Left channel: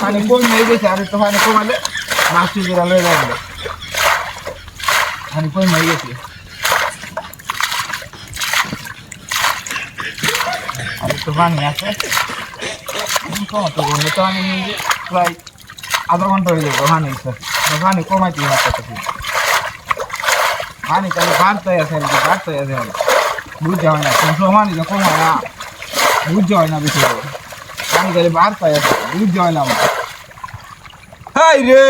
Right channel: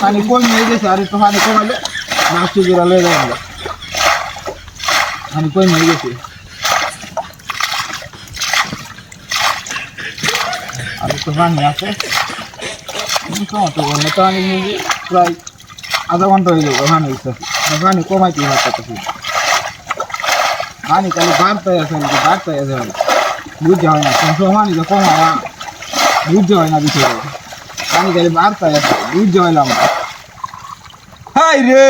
পানি কমে গেছে আর একটু পানি কমালে মাছটি জোড়া লয়ে যায় পানি কমে গেছে আর একটু পানি আছে টমেটো বললে তো আমি প্রায় আধা ঘন্টা হয়ে যাবো পানি পানি কমাইতে পারতেছি পানি তাহলে বাড়তেই আছে বুঝতে হয় না কোন সময় যে কমায় না বুঝতে হয় না বেশি পানি তাহলে বাড়তেই আছে বুঝতে হয় না হাই রে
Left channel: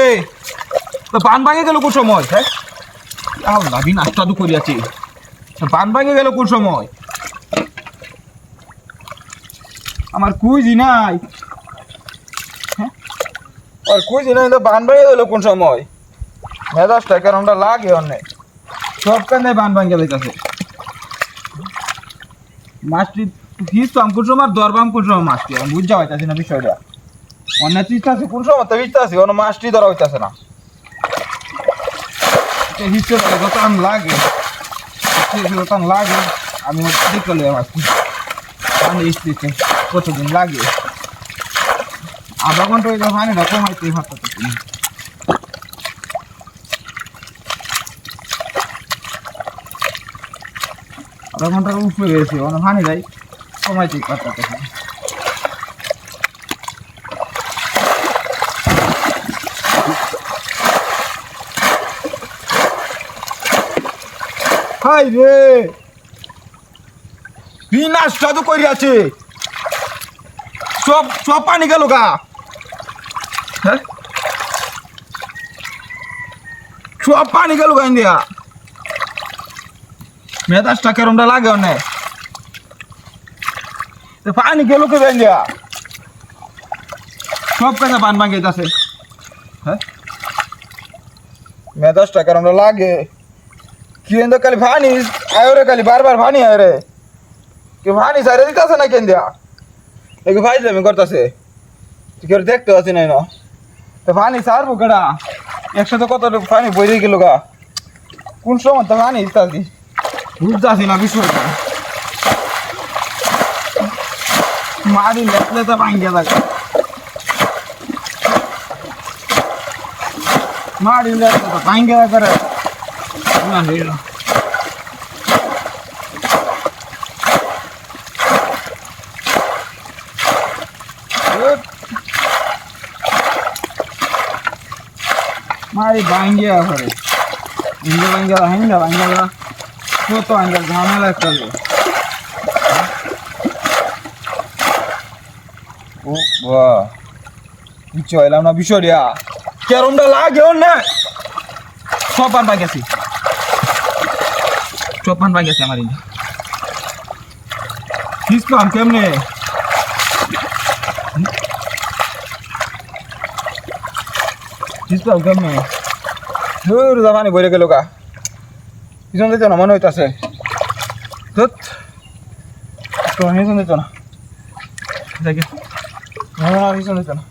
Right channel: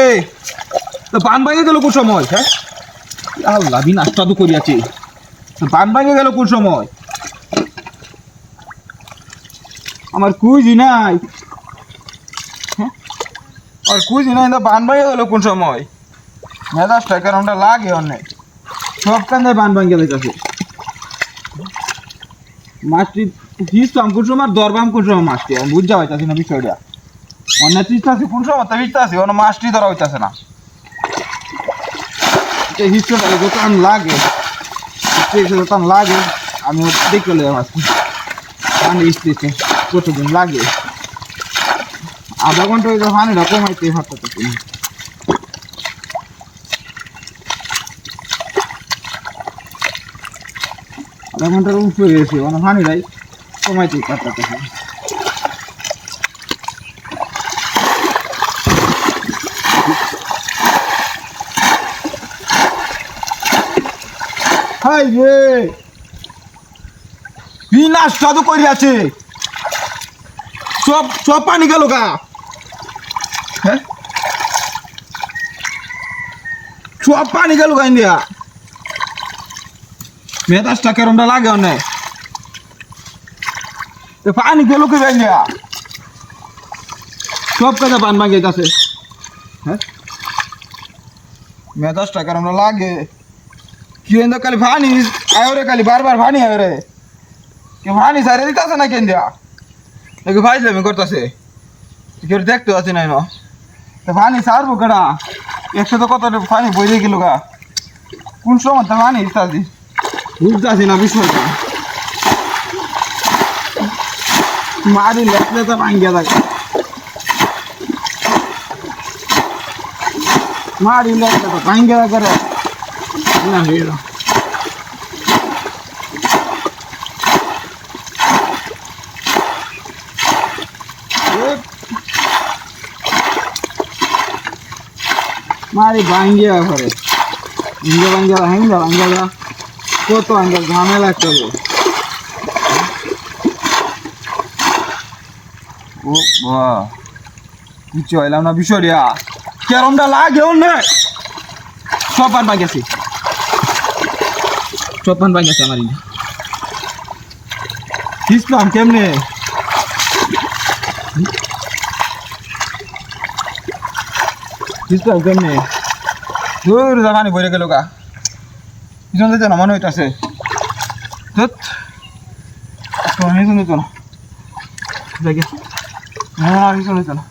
তো পান ভাঙে গেল কোন সময় হ্যাঁ আল্লাহ বিনাশটা তো করিয়াছি পান ভাঙে গেল কোন সময় আমার কুইজি নাই হ্যাঁ আর কুইজি নাই তো পান ভাঙে গেল কোন সময় মেজাজটা কারণটা লাগে অনেক সব কানে পান ভাঙে যাইতেছে মাছটি ফিসতাম কোন সময় দরবাম কোন সময় মাছটি আমি বুঝতে পারতেছি না বিষয়টা অন্য চিস্তা আছে কোন সময় তো বুঝতে আছে অন্য মাছটি ধরা হইতেছে না হিস্ট্রি যতক্ষণ লাগে যতক্ষণ লাগে আমি দেখলে মাছটি পানি স্ত্রীতে কতদিন লাগে আধা ঘন্টা হইলে পানি না কমাইতে ভাবতেছি আধা ঘন্টার উপরে গেছি অনেক পানি নাই কমাইতে পারতেছি হাই রে বিনাশ সাধু করিয়াছে সব সব পানি গেল গা হ্যাঁ সব পানি গেল গা ইন্ডিয়া মেজাজটা কেরমটা লাগে অনেক পানি গেল কে ইন্ডিয়া সব কাজে পান ভাঙে যাচ্ছে হ্যাঁ মেজাজটা কেরমটা লাগে কিন্তু খালি পানি আয় রে খালি বারবার পানি আয় রে কে পানি সাইরে দিতেছে না কেন দিয়া দেখো ভাইলে আমি করতেছে কেউ দেখতে পাচ্ছি না তো পানি সারবো কেডা একসাথে কত পানি বইরে গেল গা কোন সময় তো পানি ইত্যাদি বুঝতেছি না বিষয়টা মারি লেখলে তো ভাঙ্গিয়া থাকে মারি লেখলে তো ভাঙ্গিয়া করে না হিরো মারি ভাঙ্গিয়া করে ভাঙ্গিয়া কত আঙ্গা ঝামেলা করবো ও বাহ কিছু হইলাম না বিষয়টা কেরমটা লাগে অনেক সব পান ভাঙেছি আমার ইসলাম কেমনে ধুর জামানি বইরে গেল গা পিছন দিত না মনে হইতাছে পিছন দিত না দেখে পিছন দিত না